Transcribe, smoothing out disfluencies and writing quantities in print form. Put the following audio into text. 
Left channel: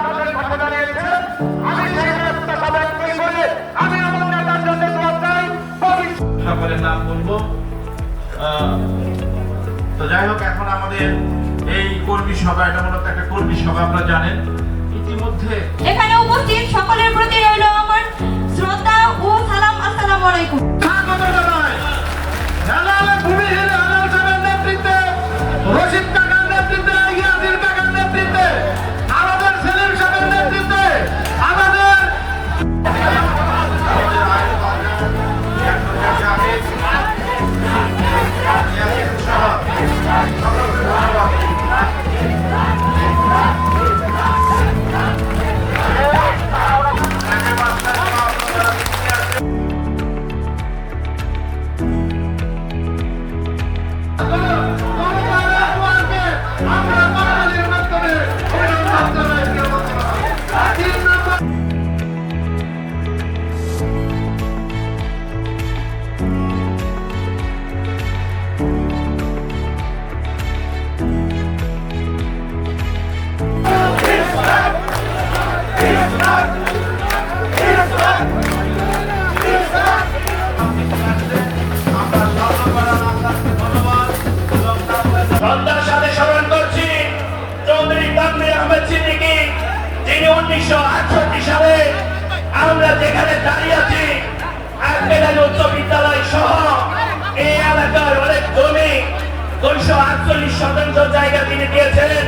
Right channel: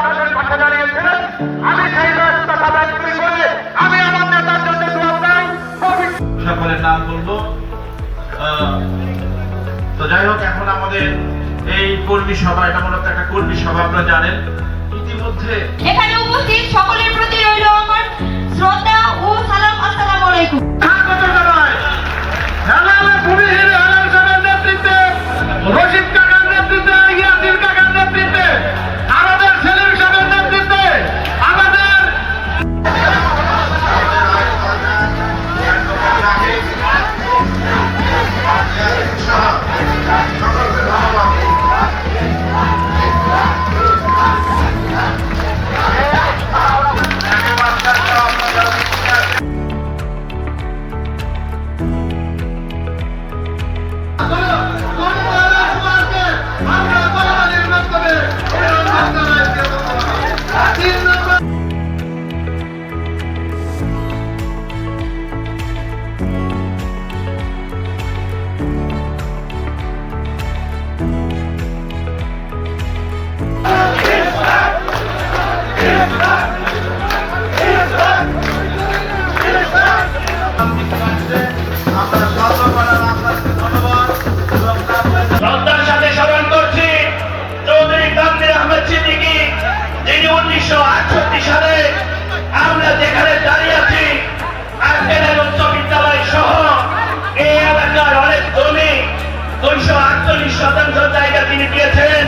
আপনাদের কথা জানিয়েছেন। আমি সেই রাস্তা সাধারণ করে আমি আমার নেতার জন্য দোয়া চাই। সকলের নাম বলবো। তো যাই হোক, এখন আমাদের এই কর্মী সভা, এটা মূলত একটা কর্মী সভা, আপনারা জানেন। ইতিমধ্যে এখানে উপস্থিত সকলের প্রতি রইল আমার শ্রদ্ধা ও সালাম। আসসালামু আলাইকুম। স্বাগত জানাই হেলালে ভূমিহীন হেলাল সমাজের নেতৃত্বে, রশিদ কাকার নেতৃত্বে, ইয়াসির কাকার নেতৃত্বে, আমাদের সেলিম সাহেবের নেতৃত্বে, আমাদের শ্রদ্ধার সাথে স্মরণ করছি চৌধুরী তানভীর আহমেদ সিদ্দিকী, যিনি 1968 সালে আমরা যেখানে দাঁড়িয়ে আছি আর্টেলের উচ্চ বিদ্যালয় সহ এই এলাকার অনেক জমি 248 শতাংশ জায়গা তিনি দিয়েছেন।